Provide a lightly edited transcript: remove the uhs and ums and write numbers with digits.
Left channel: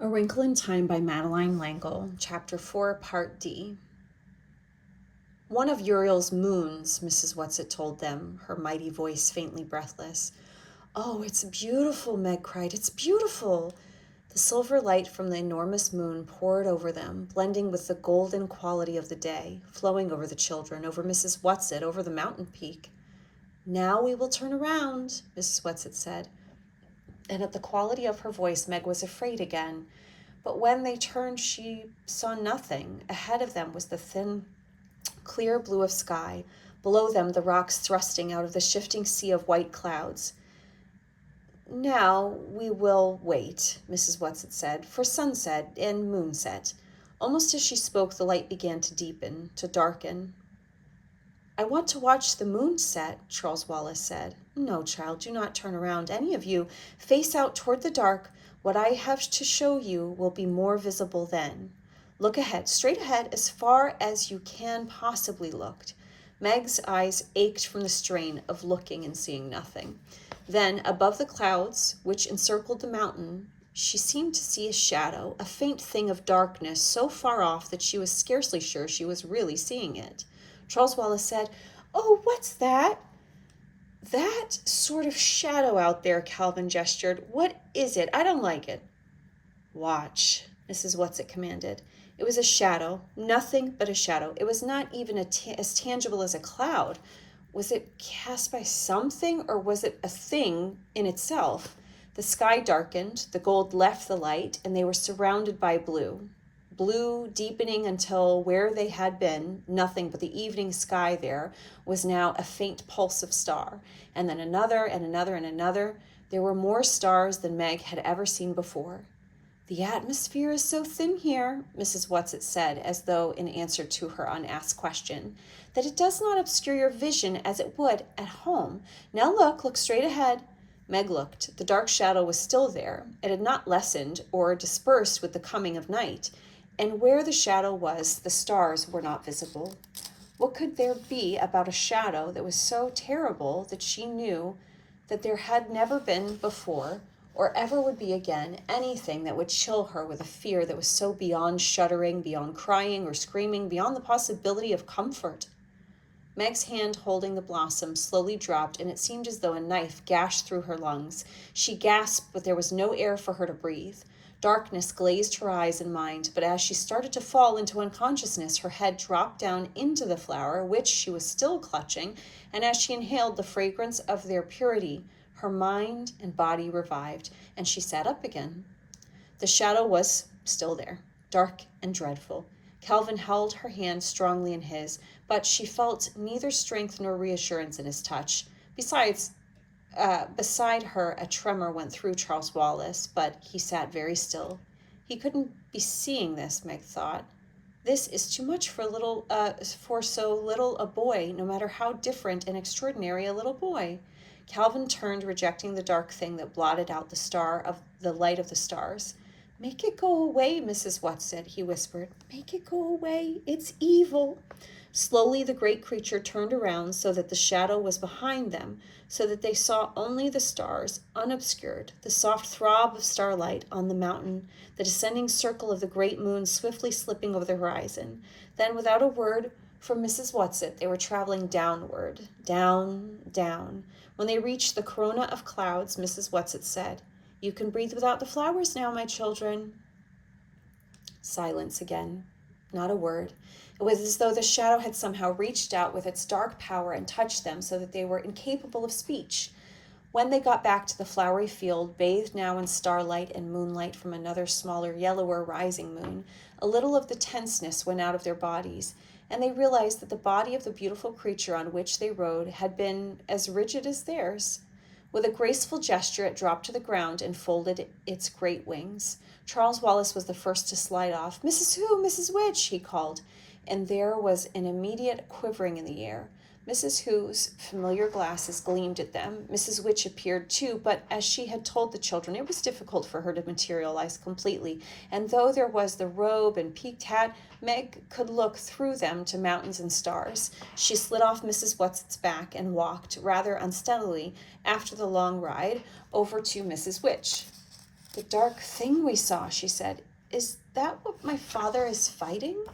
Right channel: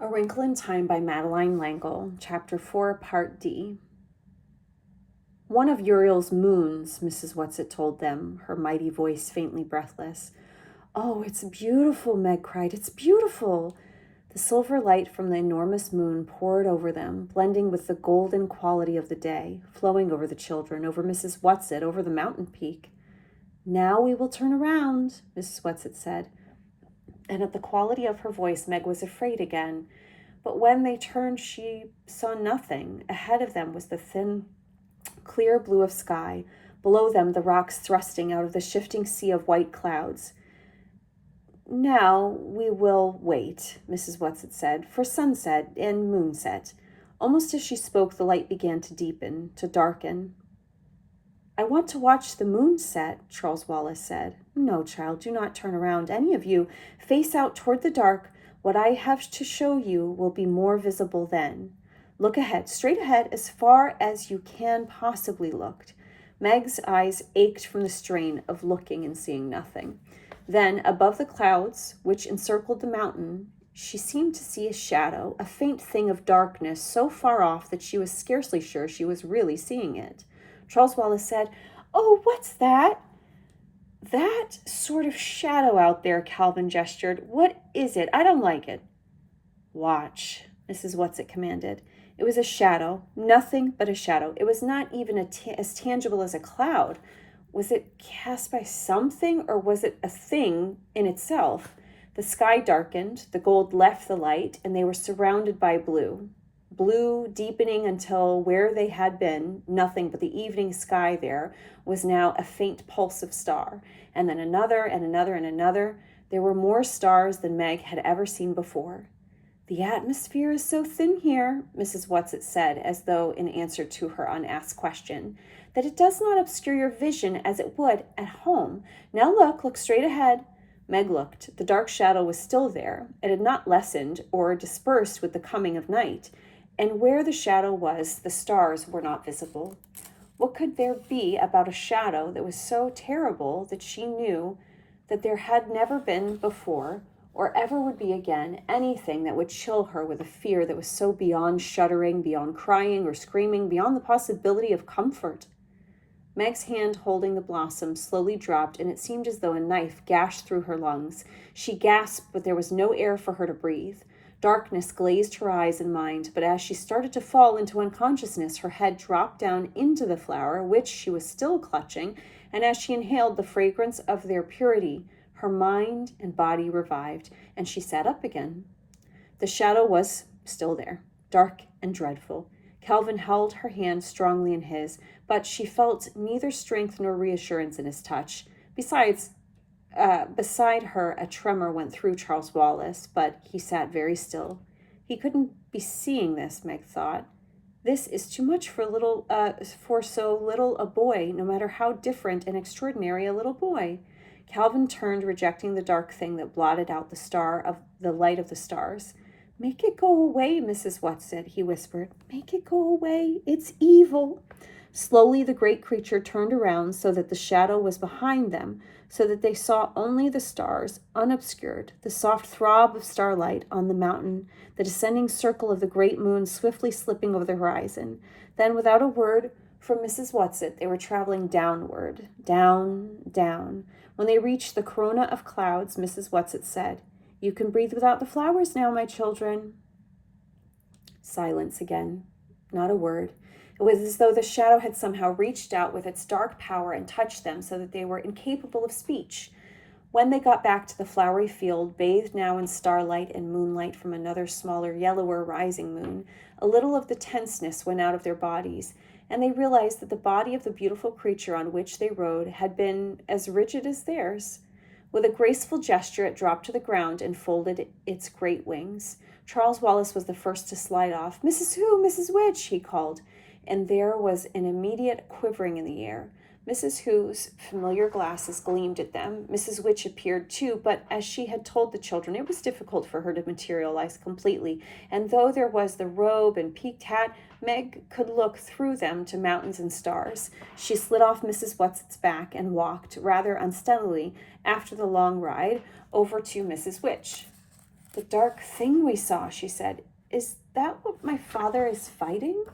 A Wrinkle in Time by Madeleine, Chapter 4, Part D. One of Uriel's moons, Mrs. Whatsit told them, her mighty voice faintly breathless. Oh, it's beautiful, Meg cried. It's beautiful. The silver light from the enormous moon poured over them, blending with the golden quality of the day, flowing over the children, over Mrs. Whatsit, over the mountain peak. Now we will turn around, Mrs. Whatsit said. And at the quality of her voice, Meg was afraid again. But when they turned, she saw nothing. Ahead of them was the thin, clear blue of sky. Below them, the rocks thrusting out of the shifting sea of white clouds. Now we will wait, Mrs. Whatsit said, for sunset and moonset. Almost as she spoke, the light began to deepen, to darken. I want to watch the moon set, Charles Wallace said. No, child, do not turn around, any of you. Face out toward the dark. What I have to show you will be more visible then. Look ahead, straight ahead, as far as you can possibly look. Meg's eyes ached from the strain of looking and seeing nothing. Then, above the clouds, which encircled the mountain, she seemed to see a shadow, a faint thing of darkness so far off that she was scarcely sure she was really seeing it. Charles Wallace said, Oh, what's that? That sort of shadow out there, Calvin gestured. What is it? I don't like it. Watch, Mrs. Whatsit commanded. It was a shadow, nothing but a shadow. It was not even as tangible as a cloud. Was it cast by something, or was it a thing in itself? The sky darkened, the gold left the light, and they were surrounded by blue. Blue deepening until where they had been, nothing but the evening sky there, was now a faint pulse of star, and then another and another and another. There were more stars than Meg had ever seen before. The atmosphere is so thin here, Mrs. Whatsit said, as though in answer to her unasked question, that it does not obscure your vision as it would at home. Now look straight ahead. Meg looked. The dark shadow was still there. It had not lessened or dispersed with the coming of night. And where the shadow was, the stars were not visible. What could there be about a shadow that was so terrible that she knew that there had never been before, or ever would be again, anything that would chill her with a fear that was so beyond shuddering, beyond crying or screaming, beyond the possibility of comfort? Meg's hand holding the blossom slowly dropped, and it seemed as though a knife gashed through her lungs. She gasped, but there was no air for her to breathe. Darkness glazed her eyes and mind, but as she started to fall into unconsciousness, her head dropped down into the flower, which she was still clutching, and as she inhaled the fragrance of their purity, her mind and body revived, and she sat up again. The shadow was still there, dark and dreadful. Calvin held her hand strongly in his, but she felt neither strength nor reassurance in his touch. Besides, beside her, a tremor went through Charles Wallace, but he sat very still. He couldn't be seeing this, Meg thought. This is too much for so little a boy, no matter how different and extraordinary a little boy. Calvin turned, rejecting the dark thing that blotted out the light of the stars. Make it go away, Mrs. Whatsit, he whispered. Make it go away. It's evil. Slowly the great creature turned around so that the shadow was behind them, so that they saw only the stars, unobscured, the soft throb of starlight on the mountain, the descending circle of the great moon swiftly slipping over the horizon. Then, without a word from Mrs. Whatsit, they were traveling downward, down, down. When they reached the corona of clouds, Mrs. Whatsit said, You can breathe without the flowers now, my children. Silence again. Not a word. It was as though the shadow had somehow reached out with its dark power and touched them so that they were incapable of speech. When they got back to the flowery field, bathed now in starlight and moonlight from another smaller, yellower rising moon, a little of the tenseness went out of their bodies, and they realized that the body of the beautiful creature on which they rode had been as rigid as theirs. With a graceful gesture, it dropped to the ground and folded its great wings. Charles Wallace was the first to slide off. Mrs. Who? Mrs. Which? He called, and there was an immediate quivering in the air. Mrs. Who's familiar glasses gleamed at them. Mrs. Which appeared too, but as she had told the children, it was difficult for her to materialize completely, and though there was the robe and peaked hat, Meg could look through them to mountains and stars. She slid off Mrs. Whatsit's back and walked, rather unsteadily, after the long ride, over to Mrs. Which. The dark thing we saw, she said. Is that what my father is fighting?